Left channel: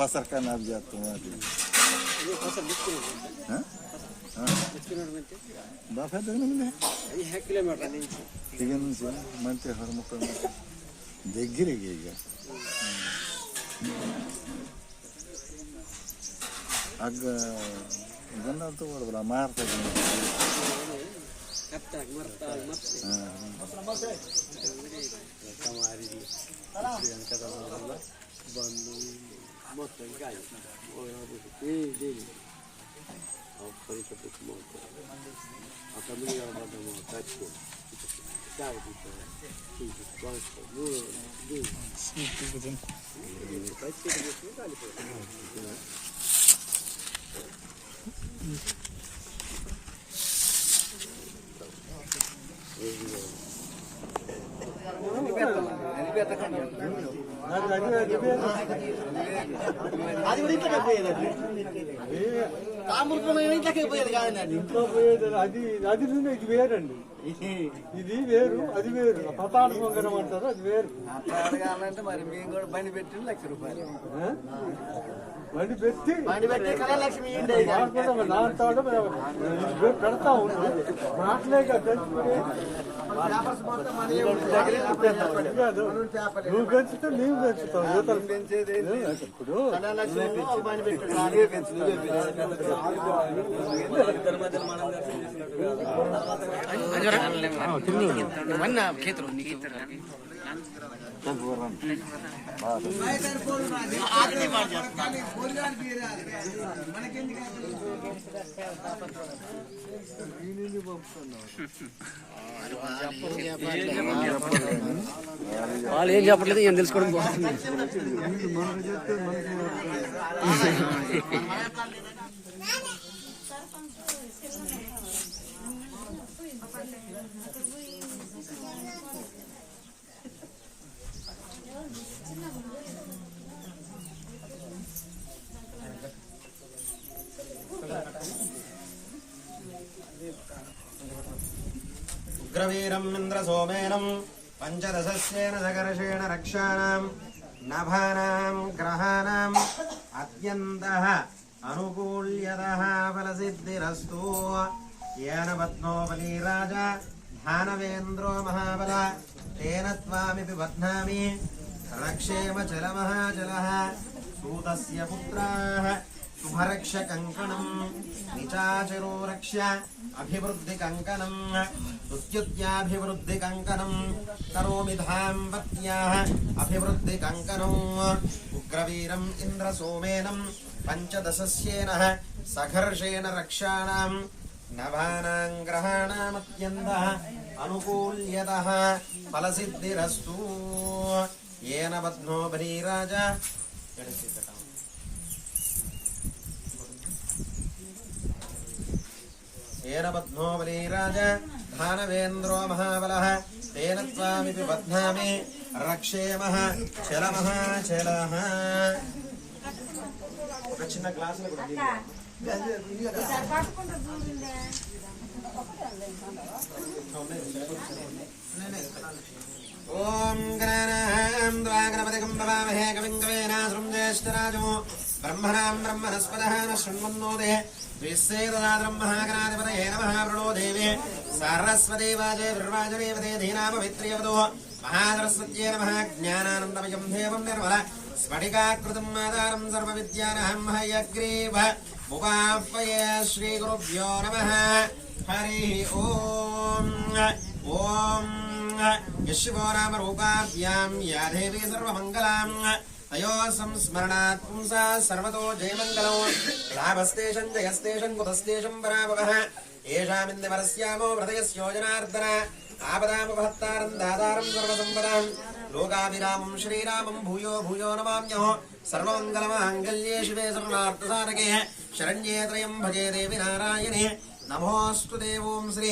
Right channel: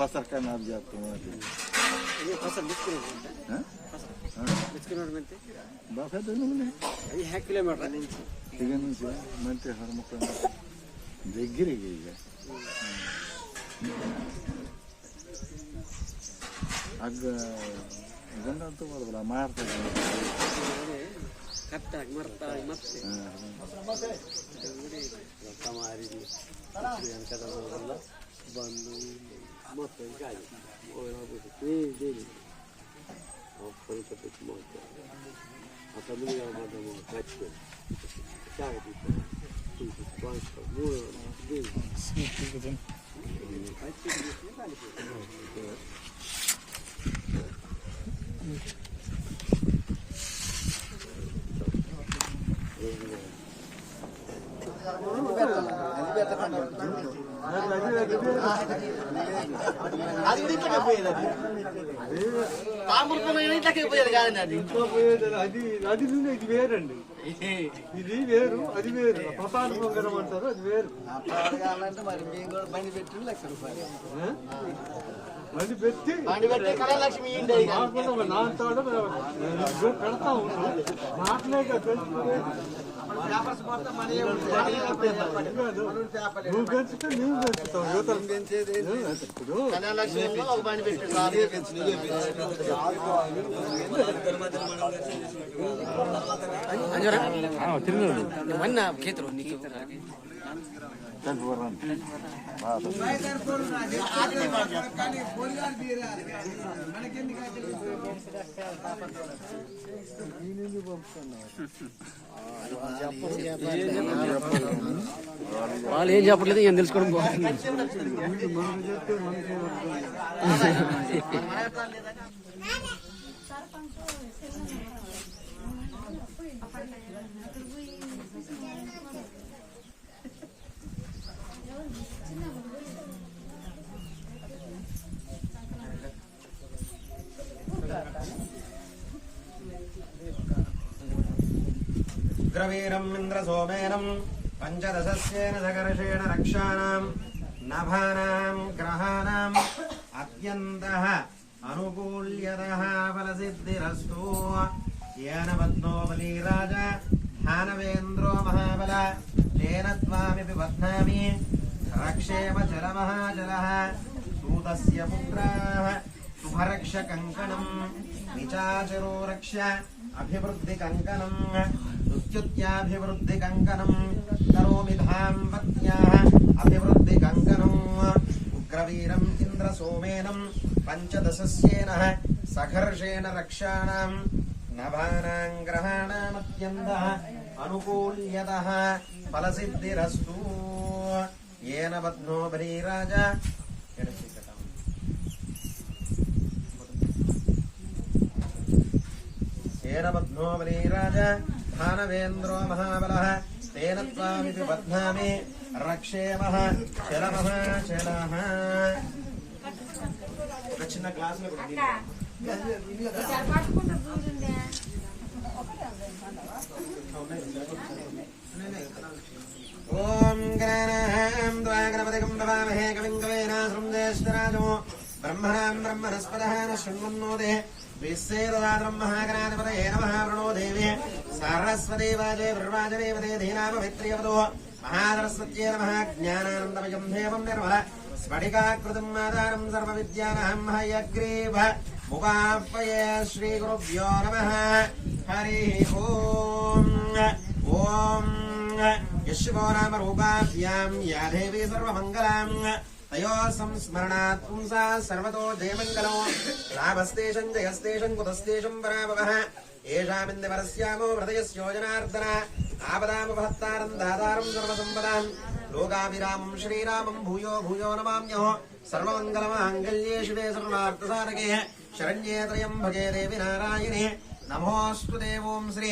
pasarkan aja tuh. Ini pasar biskuit. Biskuit nanti. Bapak tu ni mana? Ini 1 kilometer. Tiga nasi, nanti hormat tu. Degil lagi. Agak, jangan tu orang belamar tu. Katak marta mati. Kamari yang kata orang Bandung motor gaya. Orang boleh deh. Apa itu motor? Apa ni yang ada motor kacau? Kacau itu. Itu kuasa. Mula deh. Kacau itu kali. అది కూడా ఇంట్లోకి పోయేది తామూరు పొలం ఇంట్లోకి పోయేది కాదండి ఇంట్లో పోయేది అది నుండి ఇది వేరండి ఇది వేరు అది వేరు ప్రసాద పొంగరం అంటారు అది వేరు అడగాలంటే మరి మేము కూడా బండి పెట్టి ₹1,00,000 బండి పెట్టి లక్ష్మి నాటాడు పెడతా ఉంటాం నాటలే తెలుసుకునే నువ్వు పెంచుతా నీవు పెంచుతావు యువతలు పెంచేది ఇప్పుడు వాళ్ళు ఏం చెప్పట్లేదు ఏం తెలుసుకోవడం బాగుంది మనకు చెప్తే మనకి ఉగ్రవీరం ఇంద్రసోమేనం పంచదశస్యేన సకర్షేణ రక్షాణం నభానాం గ్రహాణం అత్యంతః అనుకూల్యతః ఫలసిద్ధిరస్తు येन बध्नो बलीराज भानवेन्द्रो महाबल तेन त्वामिति बध्नामि रक्षेम चलमहाचलः सूतस्य पुत्राः शुभरक्षकङ्कणम् निचाचरो रक्ष्य अभिवृद्धिकङ्कणम् स्तुत्याभिवृद्धिकङ्कणम् करोमि धाम्पत्याः अभिवृद्धिकङ्कणम् उग्रवीरम् इन्द्रसोमेनम् पंचदशस्येन सघर्षेण रक्षाणाम् नभानां ग्रहाणामत्यन्तः अनुकूल्यतः फलसिद्धिरस्तु येन बध्नो बलीराज येन बध्नो बलीराज भानवेन्द्रो महाबलः तेन त्वामिति बध्नामि रक्षेमः चलमहाचलः చిన్న గ్లాసులో ఓం గణానాం ద్వాగణపతిగం భవామహే కవిం కవీనాస్రం జ్యేష్ఠరాజో బ్రహ్మణాం బ్రహ్మణస్పదః శృణ్వన్నోదే విశ్వేదదాద్రం మహాగణాధిపతయే నమః ప్రణో దేవే సరస్వతీ వాజే దుర్వాజనేవతే ధీనాపవిత్ర్యవదో మహాసరస్వత్యే నమః జ్ఞానానందమయం దేవం నిర్మల స్ఫటికాకృతిం ఆధారం సర్వవిద్యానాం హయగ్రీవ ముపాపయే శ్రీగురుభ్యో నమః హరి ఓం ఓం యశివో నామ రూపాభ్యాం యా దేవీ సర్వమంగళాం తయో సంస్మరణాత్ పుంసా సర్వతో జయమంగళం లాభస్తేషం జయస్తేషం కుతస్తేషం పరాభవః ఏషామిందివరస్యామో హృదయస్యోజనార్దన ఆపదామపహత్తారం దాతారం సర్వసంపదాం లోకాభిరామం శ్రీరామం భూయో భూయో నమామ్యః సర్వమంగళమాంగళ్యే శివే సర్వార్థసాధకే శరణ్యే త్రయంబకే దేవి నారాయణే नमोऽस्तु देवों श्री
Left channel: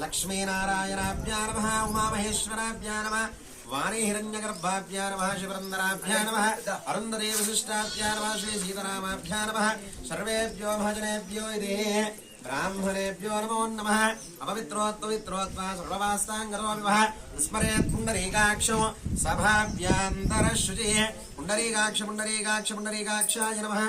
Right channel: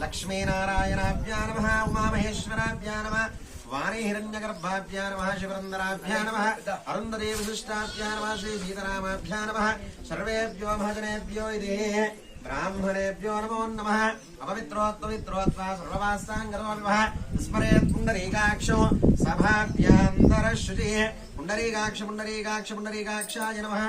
लक्ष्मीनारायणाभ्या नमः उमामहेश्वराभ्या नमः वाणी हिरण्यगर्भाभ्या नमः शिवरन्दराभ्या नमः अरुन्धती वसिष्ठाभ्या नमः श्री सीतारामाभ्या नमः सर्वेभ्यो महाजनेभ्यो इति ब्राह्मणेभ्यो नमो नमः अपवित्रोत्पवित्रोत्वा सर्ववास्ताङ्गतो विवः स्मरेत् पुण्डरीकाक्षो सभाभ्यान्तरशुचिः पुण्डरीकाक्ष पुण्डरीकाक्ष पुण्डरीकाक्षाय नमः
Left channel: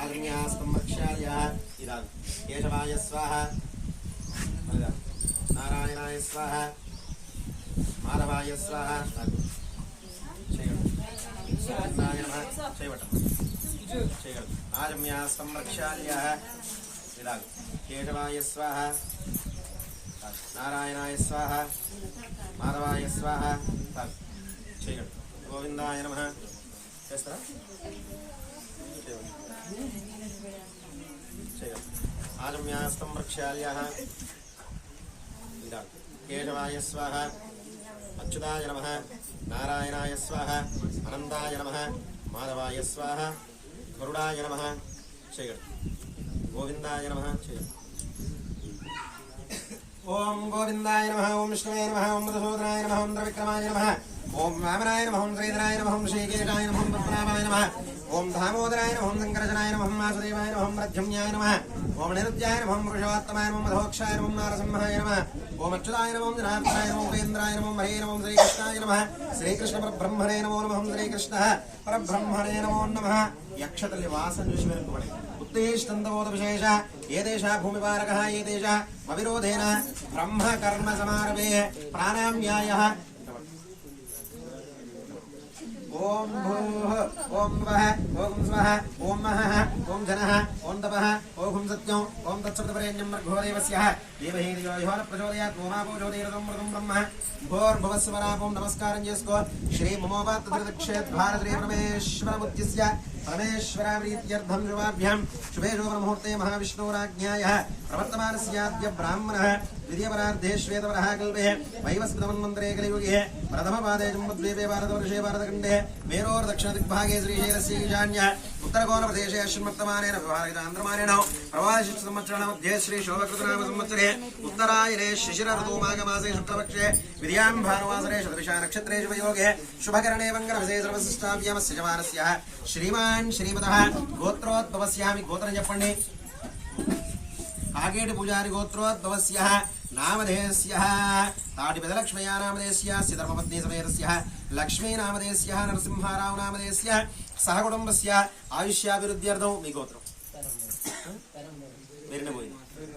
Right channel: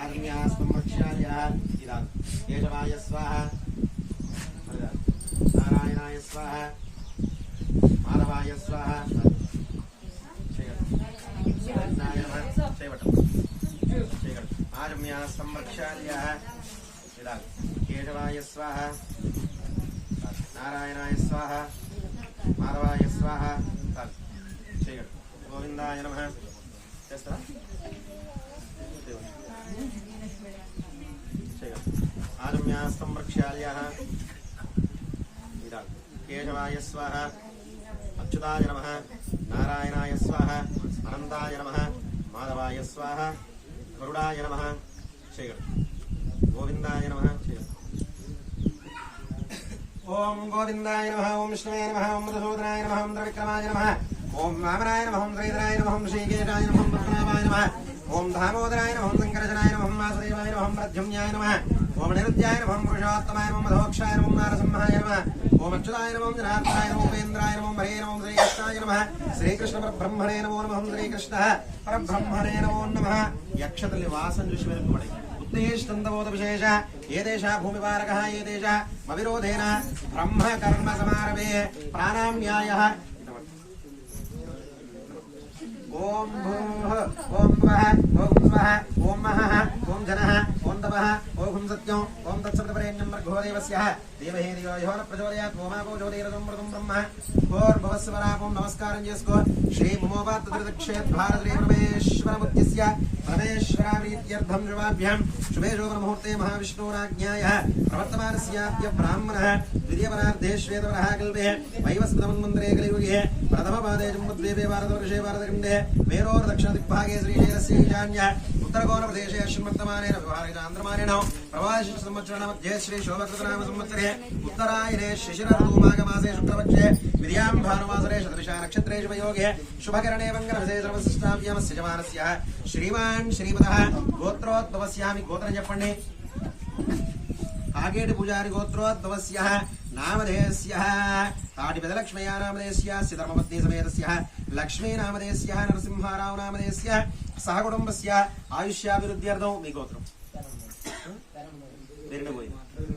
आग्न्यास्तं रक्ष्यालयः इदं केशवाय स्वाहा नारायणाय स्वाहा माधवाय स्वाहा आजम्यास्तं रक्ष्यालयः इदं केशवाय स्वाहा नारायणाय स्वाहा माधवाय स्वाहा गोविंदाय नमः आजम्यास्तं रक्ष्यालयः इदं केशवाय स्वाहा अच्युताय नमः नारायणाय स्वाहा अनन्ताय नमः माधवाय स्वाहा गरुडाय नमः गोविंदाय नमः ओम गोविंदाय नमः ओम विष्णुवे नमः ओम मधुसूदनाय नमः ओम त्रिविक्रमाय नमः ओम वामनाय नमः ओम श्रीधराय नमः ओम श्रीकेशाय नमः ओम पद्मनाभाय नमः ओम दामोदराय नमः ओम शंकरजनाय नमः ओम वासुदेवाय नमः ओम प्रद्युम्नाय नमः ओम निरुद्याय नमः ओम पुरुषोत्तमाय नमः ओम मधोक्षाय नमः ओम नारसिंहाय नमः ओम अच्युताय नमः ओम जनार्दनाय नमः ओम उपेन्द्राय नमः ओम हरे नमः ओम श्रीकृष्णाय नमः श्रीकृष्ण परब्रह्मणे नमो नमः ओम श्रीकृष्णः परब्रह्मणे नमो नमः यक्षतले वासं जुषिवेर्कुमणे उत्तेष्टन्दबोध विशेष ये देशा भूमिपारकः ये देशा अविरोधेन ब्रह्म कर्म समारभे प्राणाम्यायः ओम भूः ओम वः ओम स्वः ओम महः ओम जनः ओम तपः ओम सत्यं ओम तत्सवितुर्वरेण्यं भर्गो देवस्यः धीमहि धियो यो न प्रचोदयात् ओमापो ज्योतिरसमृतं ब्रह्म भूर्भुवस्सुवरापों नमस्कारं చేసుకో श्री ममोपात्तृदक्षेत् भारतश्रीपरमेश्वरमुद्दिश्य परमेश्वराप्रीत्यर्थं शुभाभ्यां शुभे शुभमुहूर्ते महाविष्णोराज्ञायाः प्रवर्तमानस्याद्य ब्राह्मणः द्वितीयपरार्धे श्वेतवरः कल्पे वैवस्वतमन्वन्तरे कलियुगे प्रथमपादे जम्बुद्वीपे भारतवर्षे भारतखण्डे मेरोर्दक्षिणदिग्भागे श्रीशैलस्य ईशान्यः उत्तरकोलप्रदेशे अश्विनवर्तमानेन विभागितान्द्रमानेन प्रवासिसंवत्सरमध्ये श्री शोभकृतनाम संवत्सरे उत्तरायणे शिशिरऋतुमाघमासे शुक्लपक्षे विद्यां भानुवासरे शतभिषा नक्षत्रे शुभयोगे शुभकरणे वङ्गरविषये सर्वशिष्टाभ्यामस्य जवानस्यः श्रीमान् श्रीमतः गोत्रोद्भवस्यामि गोत्रं చెప్పండి कागेट पूजारी गोत्रोद्भवस्यः नामधेयस्यः ताटिपदलक्ष्म्या नामधेयस्यः धर्मपत्नी समेतस्यः लक्ष्मी नामधेयस्यः नरसिंहाराव नामधेयस्यः सह कुटुंबस्य आयुष्याभिवृद्ध्यर्थं మీ గోత్రం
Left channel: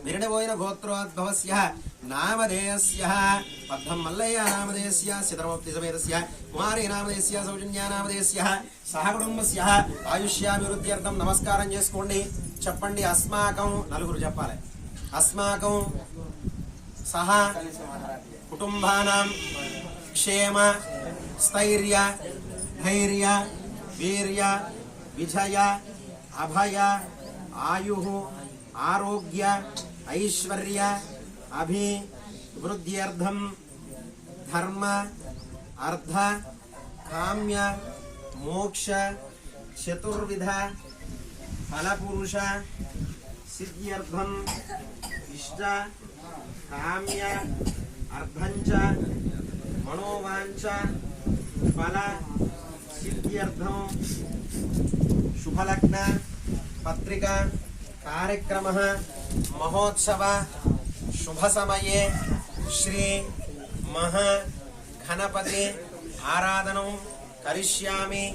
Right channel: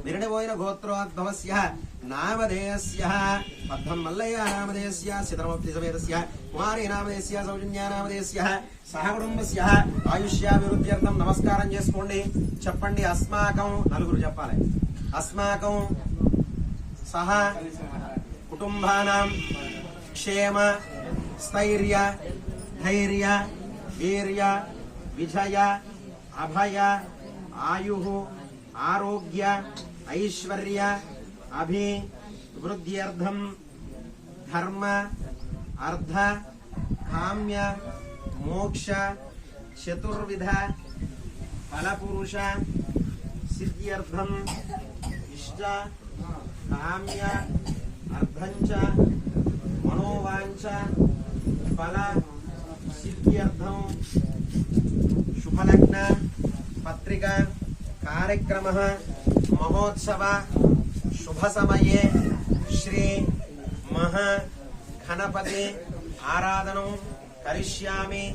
विरणबोयिन गोत्रोद्भवस्यः नामधेयस्यः पद्मं मल्लय्य नामधेयस्यः धर्मपत्नी समेतस्यः कुमारी नामधेयस्यः सौजन्या नामधेयस्यः सह कुटुंबस्यः आयुष्याभिवृद्ध्यर्थं नमस्कारं చేసుకోండి చెప్పండి अस्माकं నలుగురు చెప్పాలి अस्माकं सह कुटुंबानां क्षेम स्थैर्य धैर्य वीर्य विजय अभय आयुः आरोग्य ऐश्वर्य अभिवृद्ध्यर्थं धर्म अर्थ काम्य मोक्ष चतुर्विध फलपुरुष सिद्ध्यर्थं इष्ट काम्य अर्थंच मनोवांच फल सिद्ध्यर्थं शुभलग्न पत्रिका कार्यक्रमः महोत्सव शुभ समये श्री महा गणपति आराधनं करिष्यामि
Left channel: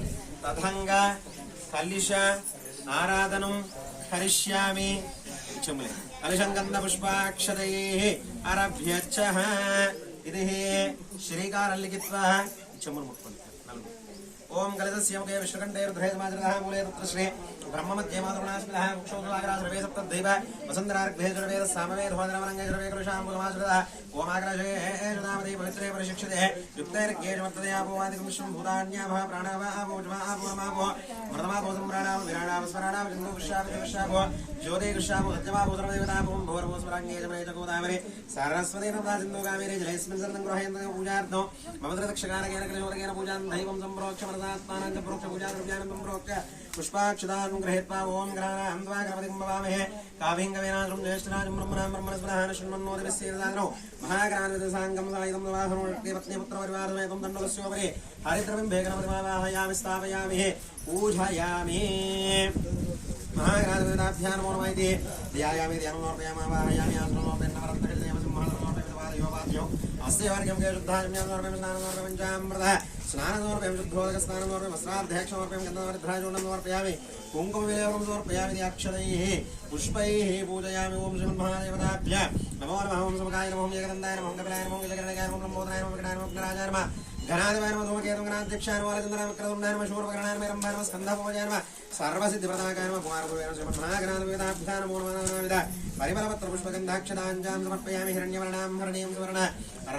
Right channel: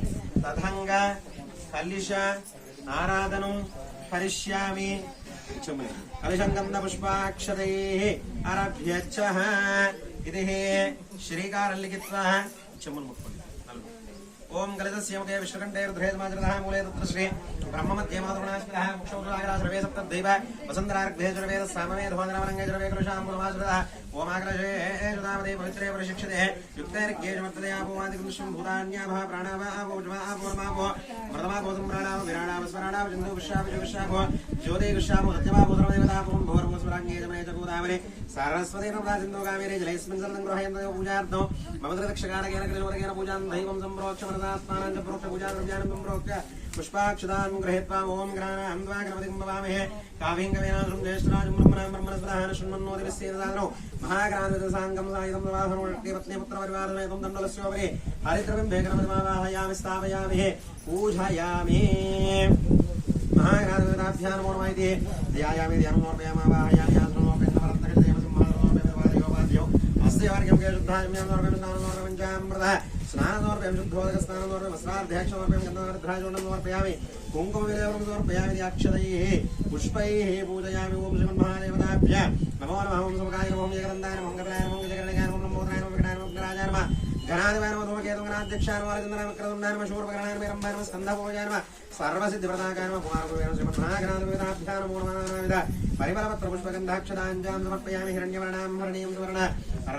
तथंग कलिश आराधनं करिष्यामि चुमले कलिशं गन्धपुष्पाक्षतैः आरभ्यच्छः इति श्रीकारं लिखित्वा चमुल मुक्पल्लि ओम कलितस्य मुखे विष्णुकण्ठे रुद्रे समाजरतः मूले तत्र श्री ब्रह्ममध्ये मातृगुणास्मितः मुक्षोद्वागराश्रवे सप्तद्वैव वसन्तरार्घ्वे जुर्वेद सामवेद होन्द्रमरङ्गे जुर्वे कृशाम्बुलमाश्रितः ओमाग्रजे जुदामदे पवित्रे परिशिक्षते युक्तैर्घ्ये जुमत्तदे आपोवादिकं विश्वं भूतान्याभः प्राणाव आपोजमा आपोरमापो मृतमापो सम्राणाव विराणाव स्मराणाव जन्दो विश्वाभिजुविश्वाभो ज्योते कृशाभो सत्यमापो सर्वदेवतापों भोर्भो स्मराङ्गे जमने च गोदावरे सारस्वते नर्मदा सिन्धो कावेरे जलेऽस्मिन् शरणं गृह्यन्ते पूजार्थं मम दक्षकारेण कृशोदकेन पूजां दैवं सम्प्रोक्ष मनसात्मानं च प्रोक्ष पूजाद्रव्याणं सम्प्रोक्ष पुष्पाक्षदान् गृहीत्वा ओम ग्रहाणां द्वा गणपतिं भवामहे काव्यं कवीनाशं ज्येष्ठराजं ब्रह्मणां ब्रह्मणस्पदान् शृण्वन्नोदिविश्वेददानो महागणाधिपतिसाङ्गं सायुधं नवाहनोर्के पत्नीपुत्रपरिवारसमेतं दण्डलस्योपरि हरिद्रबिम्बे गणपतिमावाहयामि स्थापयामि पूजयामि महागणाधिपतिभ्यां नमो नमः इति ध्यायामि ध्यानं समर्पयामावाहयामि आसनमोपेन नवरत्नकजयमसिंहासनोपेन अस्य वर्गं के शुद्धाजम्यां समर्पयामि स्नानं समर्पयामि पञ्चामृतः स्नानं समर्पयामि शुद्धोदकस्नानं समर्पयामि वस्त्रार्धेक्षं समर्पयामि गन्धवरद्राजोण्डं समर्पयामि कुङ्कुमविलेपनं समर्पयामि अक्षतैः पुष्पैः पूजयामि ओम श्रीमन्महादेवताभ्यः नमो नमः ओम समकाय नमः ओम एकदन्ताय नमः ओम कपिलाय नमः ओम गजकर्णकाय नमः ओम लम्बोदराय नमः विकटाय नमः विघ्नराजाय नमः घनाधिपाय नमः धूमकेतुं गणाध्यक्षाय नमः वालचन्द्राय नमः क्रतुण्डाय नमः शूर्पकर्णाय नमः रम्भाय नमः स्कन्धपूजाय नमः सर्वसिद्धिप्रदायकाय नमः कुमारगुरुवे नमः श्रीमन्महागणाधिपतिभ्यः नमो नमः परिमलपत्रपुष्पगन्धाक्षताञ्जां समर्पयामि हिरण्यवर्णां हरणीं सुवर्ण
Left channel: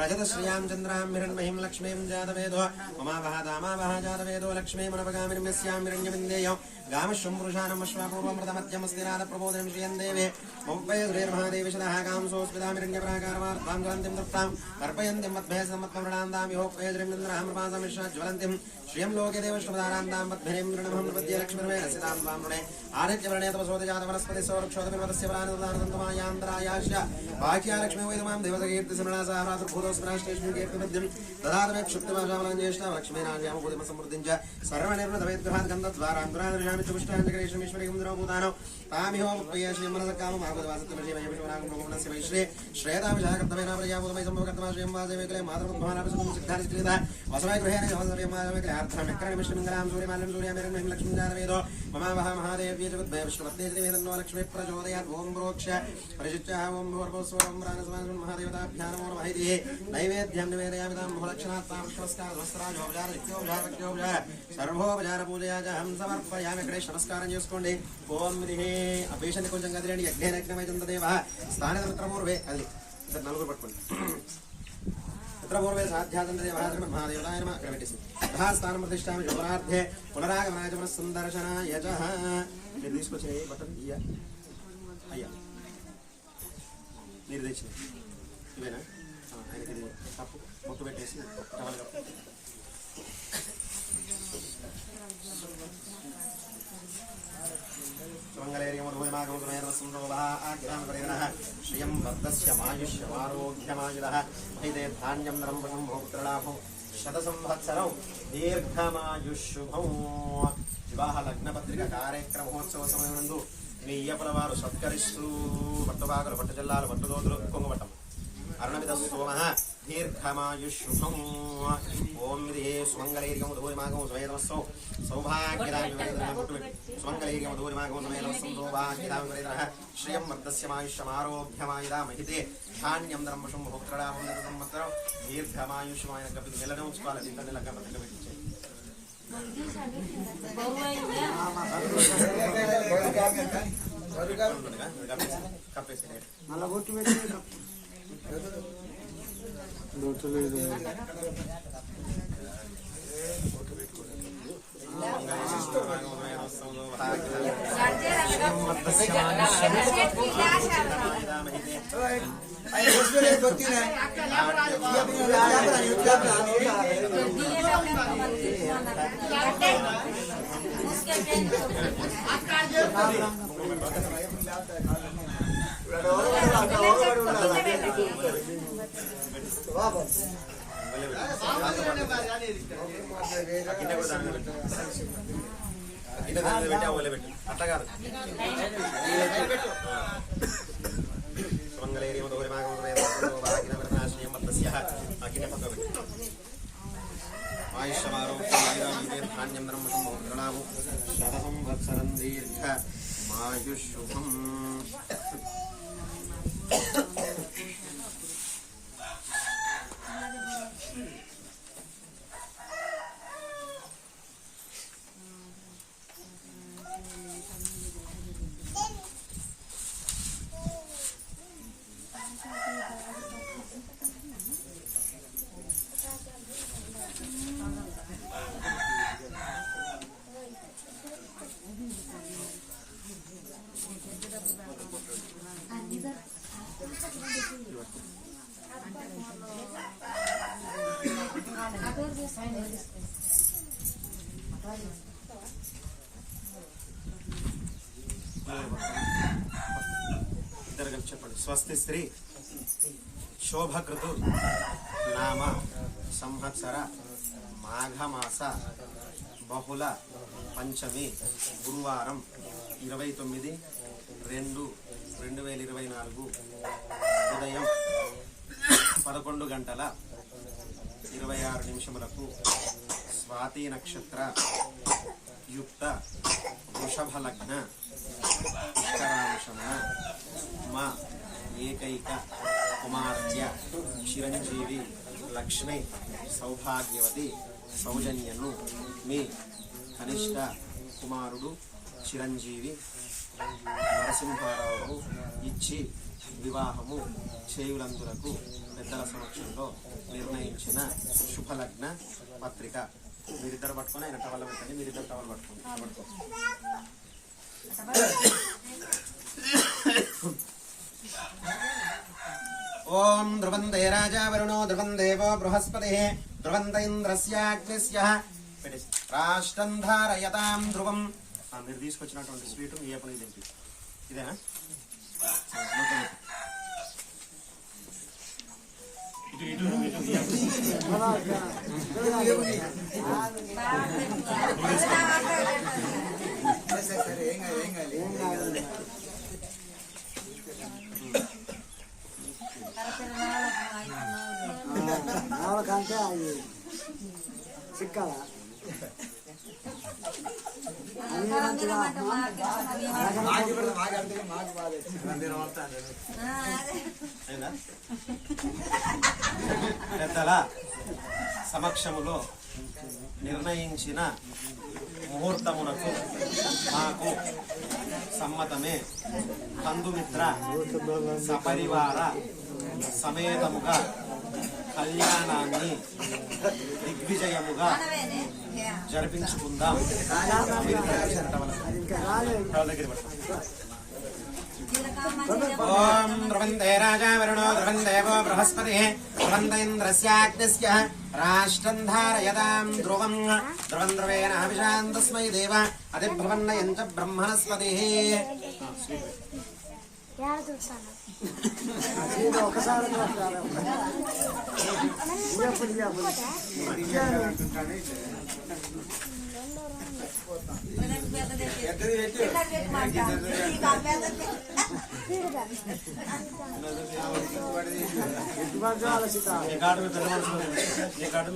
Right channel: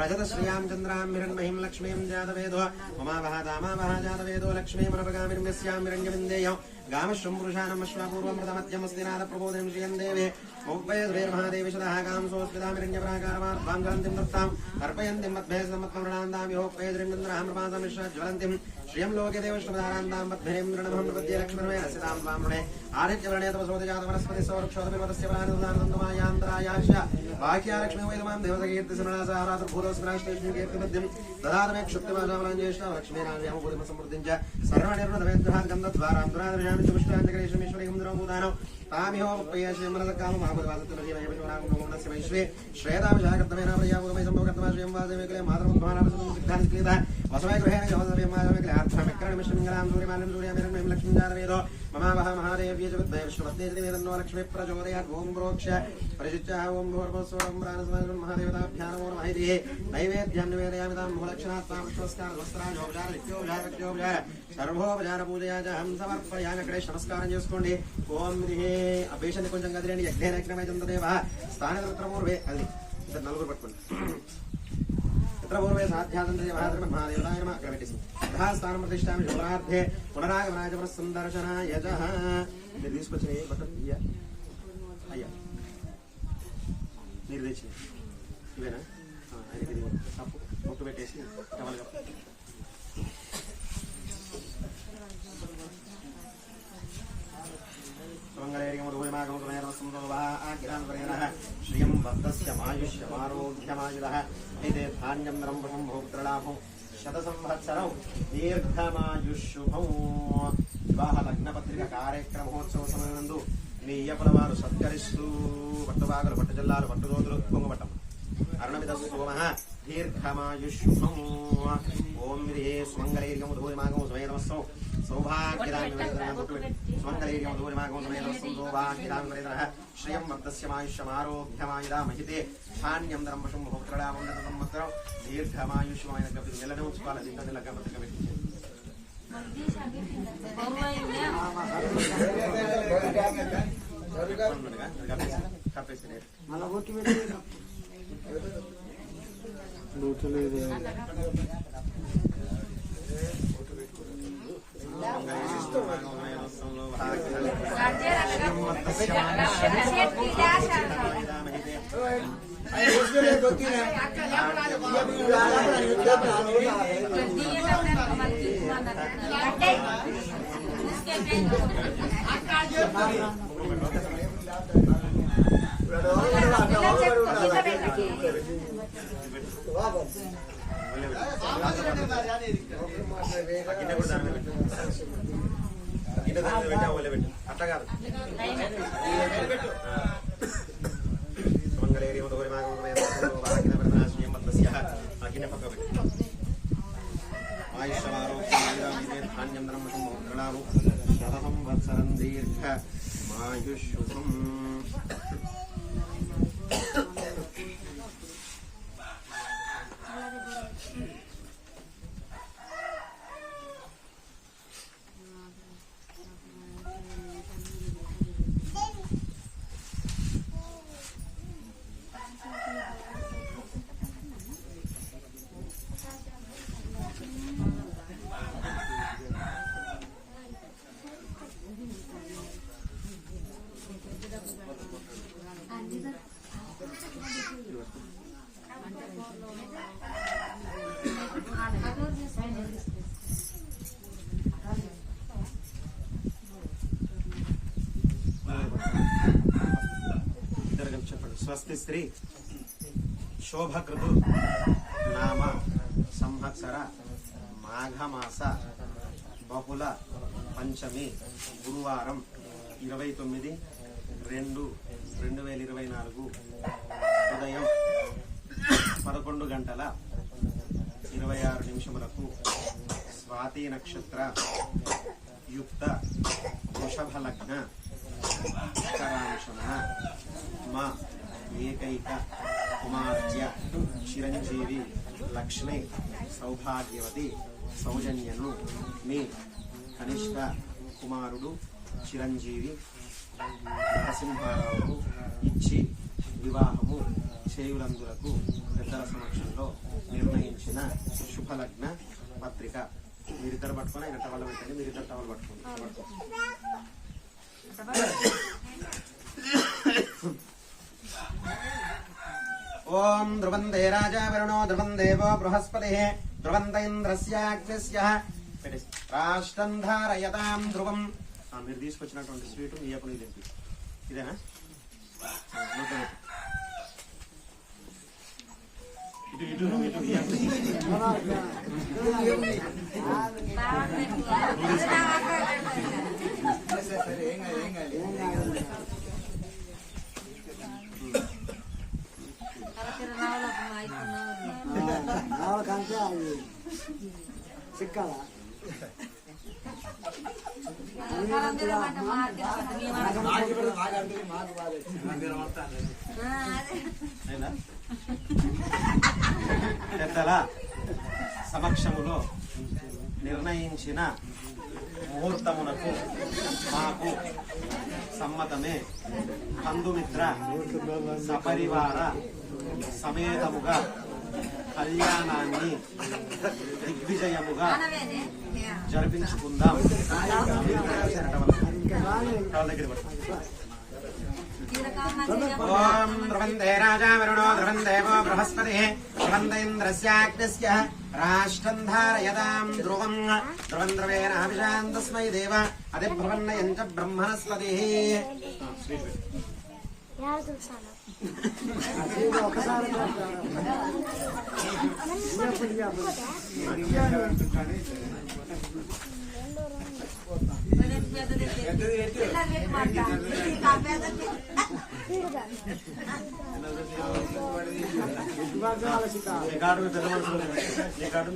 रजतश्रियां चन्द्रां हिरण्मयीं लक्ष्मीं जातवेदो ममावह दामावह जातवेदो लक्ष्मीमनपगामिनीं यस्यां हिरण्यविन्देयो गामश्वं पुरुषाणम् अश्वापूर्वमृतमत्यमस्तिनाथप्रबोधिनीं श्रियं देवे मुम्बये श्रीर्महादेवी शतः कांसोऽस्मितामिरण्यप्राकारार्थां ज्वलन्तीं तृप्तां तर्पयन्तीं मद्भयसमत्वमृणान्तां योपये श्रीमन्द्रामृपासमिश्रज्वलन्तीं श्रियं लोके देवश्रमदारान्तां मद्भिरीं मृणमहं प्रपद्ये लक्ष्मीर्मे रसितां त्वां मृणे आदित्यवर्णे तपसोदे जातवनस्पति सौरक्षोदपिर्वतस्य प्राणिर्दानतन्तमायान्तरायाश्च बाह्या लक्ष्मी वैदमां देवतकीर्तिसमणासाहरातृभूतोस्त्राष्टेष्मिं कीर्तिमध्यं ददातमे क्षुप्तिमाशामलाञ्ज्येष्ठा लक्ष्मीनाव्यामभूतिमसमृद्धिं च सर्वनिर्मतवेद्यभात् गन्धद्वारान्तरादृशामि च पुष्टाञ्चकरेश्वरीश्वरीं द्रवभूतानो तामिहोपय्य श्रीमनसकाममाभूतवासत्यमशीमयपुष्परागुणस्य मैश्रे श्रेयतामिषाकर्तमेन प्रयाभूतमयि सम्भवकर्तमा श्रियं वासवेकले मातरमुद्भानाभिसुतं सिद्धानिस्क्रीता वसवै गृहेण जवसव्यमाजमेकले अर्थमिक्रमिष्टमिङ्गलां सूर्यमाल्यं सूर्यामेरण्मयीं लक्ष्मीं जातवेदो ममावह महादेव्ये जगद्भय विष्णुपत्नी श्रीवेदन्नो लक्ष्मी प्रचोदयात् ओम प्रोक्ष परिशिष्टः ओम भूर्भुवस्वरं प्राणसमाजं महादेवताभ्यां नमो नमः इति नैवेद्यं निवेदयामि तां बहुलक्षणात्तां विश्वस्कारस्वस्त्राजोपचार नित्योपचार सर्वोपचार पूजया च अहं समर्पयामि गणेश नमस्कारं చేసుకోండి ఓం విధిః అభిషేకం కొంచెం కదిలేండి యజ్ఞేనక్రమే చందదేవః స్థానమిత్రపూర్వే అది ఇద్దరు నలుగురు పట్టుకోండి पूर्वे साध्यादन्देवः श्रीमन्महादेवताय नमः अग्रमेटिसि तथा स्थानं प्रतिष्ठामि शोभनार्थे पुनरागमनाय च पुनस्सन्दर्शनाय च మీరు తీసుకొచ్చిన ఏ బటన్ ఇయ్యా అయ్యా మీరు తెచ్చినాయి ఇవేనా ఆయనకి ఇది తప్పు ముట్టు పెట్టేసి టవల్గా श्रियं वर्धस्य मायुष्यमारोग्यमायुधः इदे धान्यं नरम्भं भोक्तृलाभं शतसंवत्सरौ दीर्घमायुष्शुभौ विवाह लग्नपत्रिका कार्यक्रमोत्सव समयనందు మీ ఇయ్యపల వారు సత్కరిస్తూ పట్టుబాగలు పట్టు జిల్లాలు పట్టుదోతులు కొంగబట్టం అరుణమిద సోమః దీర్ఘమాయుష్శుభం ఓం విధే సుమంగళైర్యం ఉదోయమాగం సమేతమస్సౌ సౌభాగ్యదామి సుమంగళైర్యం ఉదోయమాగం సమేతమస్సౌ సౌభాగ్యదామి వరేదః శ్రియం వర్ధస్య మాయుష్యమారోగ్యమాయుధా మహితే ధాన్యం ధర్మశం భోక్తృలాభం సంవత్సరం దీర్ఘమాయుష్యమైన గప్పి నెలనే ఉంచుకోవాలి దీంట్లో లగ్గ పత్రిక పెట్టించే కప్పేసి అట్లా కాదు సుమంగళైర్యం మద్దస్య అగ్ని పక్క పెట్టి ఆయుష్యమారోగ్యం ధాన్యం ధర్మశం భోక్తృలాభం శతసంవత్సరం దీర్ఘ మాయుష్శుభం ఇద్దరు కలిసి చెప్పండి. స్వస్తి శ్రీ శోభకృతు నామ సంవత్సర మాఘమాస బహుళ పంచమి గురువారం 29/2/2024 ఉదయం 11:26 స్వాతి నక్షత్ర యుక్త వృషభ లగ్న పుష్కరాంశమున మా ఏకైక కుమార్తె చిరంజీవి లక్ష్మి సౌభాగ్యవతి సౌజన్యను మీ కనిష్ట కుమారుడు చిరంజీవి నరసింహారావుకు ఇచ్చి వివాహము చేయులందులకు పెద్దల సమక్షంలో నిర్ణయించిన శుభలగ్న పత్రిక. మీరిద్దరు పట్టుకొని ఆయన టవల్ పెట్టండి. మీరిద్దరు టవల్ పట్టుకోండి. ఓం ధ్రువందే రాజా వరుణో ధ్రువం దేవో బృహస్పతి ధ్రువంత ఇంద్రస్యాగ్నిస్య రాష్ట్రం ధారయతాం ధ్రువం. మీరు తీసుకొచ్చినటువంటి స్వీటు మీ అప్పుడు ఇదేంటి ఇదేనా? ఇటు ఇటు ఇటు చిక్కల పెద్దల సమక్షములో నిర్ణయించిన ముహూర్తమునకు మాకు సమ్మతమే. బంధుమిత్ర సపరివార సమేతముగా కళ్యాణాన్ని దిగ్విజయముగా జరిపించుకుందాం. మీరు దగ్గర పడతాం. ఓం ధ్రువందే రాజా వరుణో ధ్రువం దేవో బృహస్పతి ధ్రువంత ఇంద్రస్యాగ్నిస్య రాష్ట్రం ధారయతాం ధ్రువం ధ్రువం ధ్రువేణ అభిషాం తస్మై దేవ అతిభ్రవన్నయం చ బ్రహ్మణస్పతి. మీ కార్డు మీ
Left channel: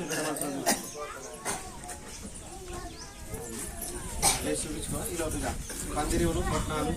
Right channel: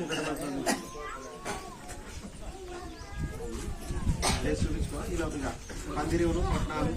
పెద్ద మనసులో లేచి చూపించుకో. ఈ లోపల పందిరివులు పట్నాలు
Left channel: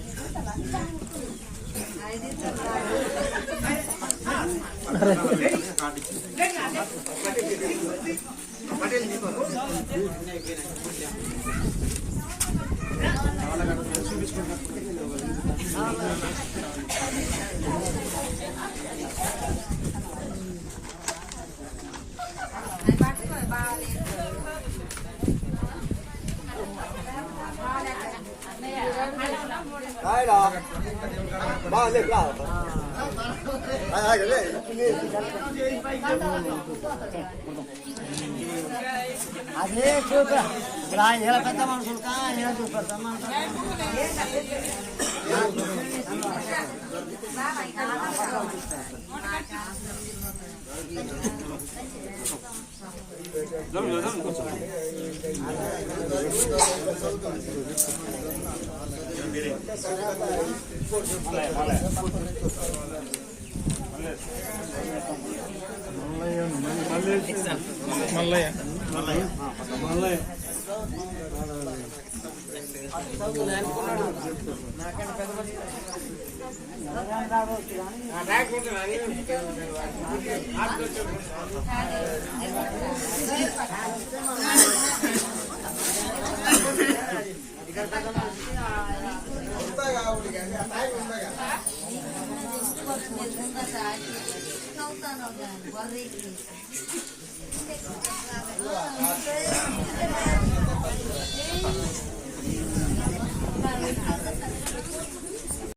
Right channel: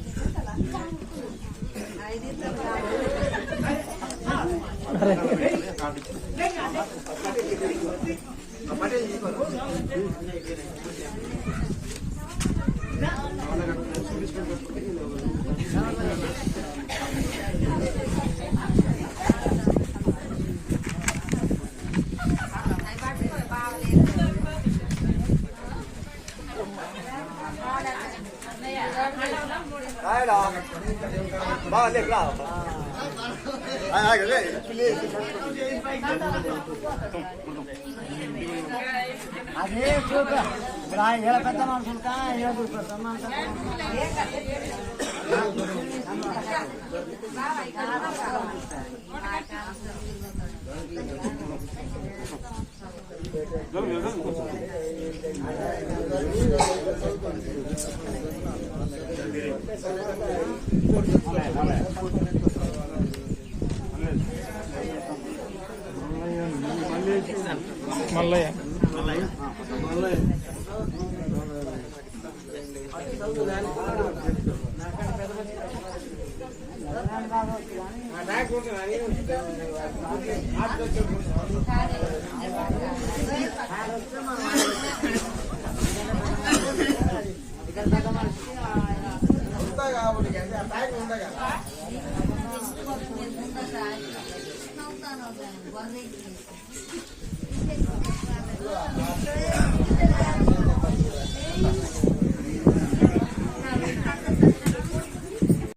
అదే చూప ఇప్పుడు ఎలా పెద్దాం అనుకుంటా ఇలా చూపెడతాం. Mallayya Thank you.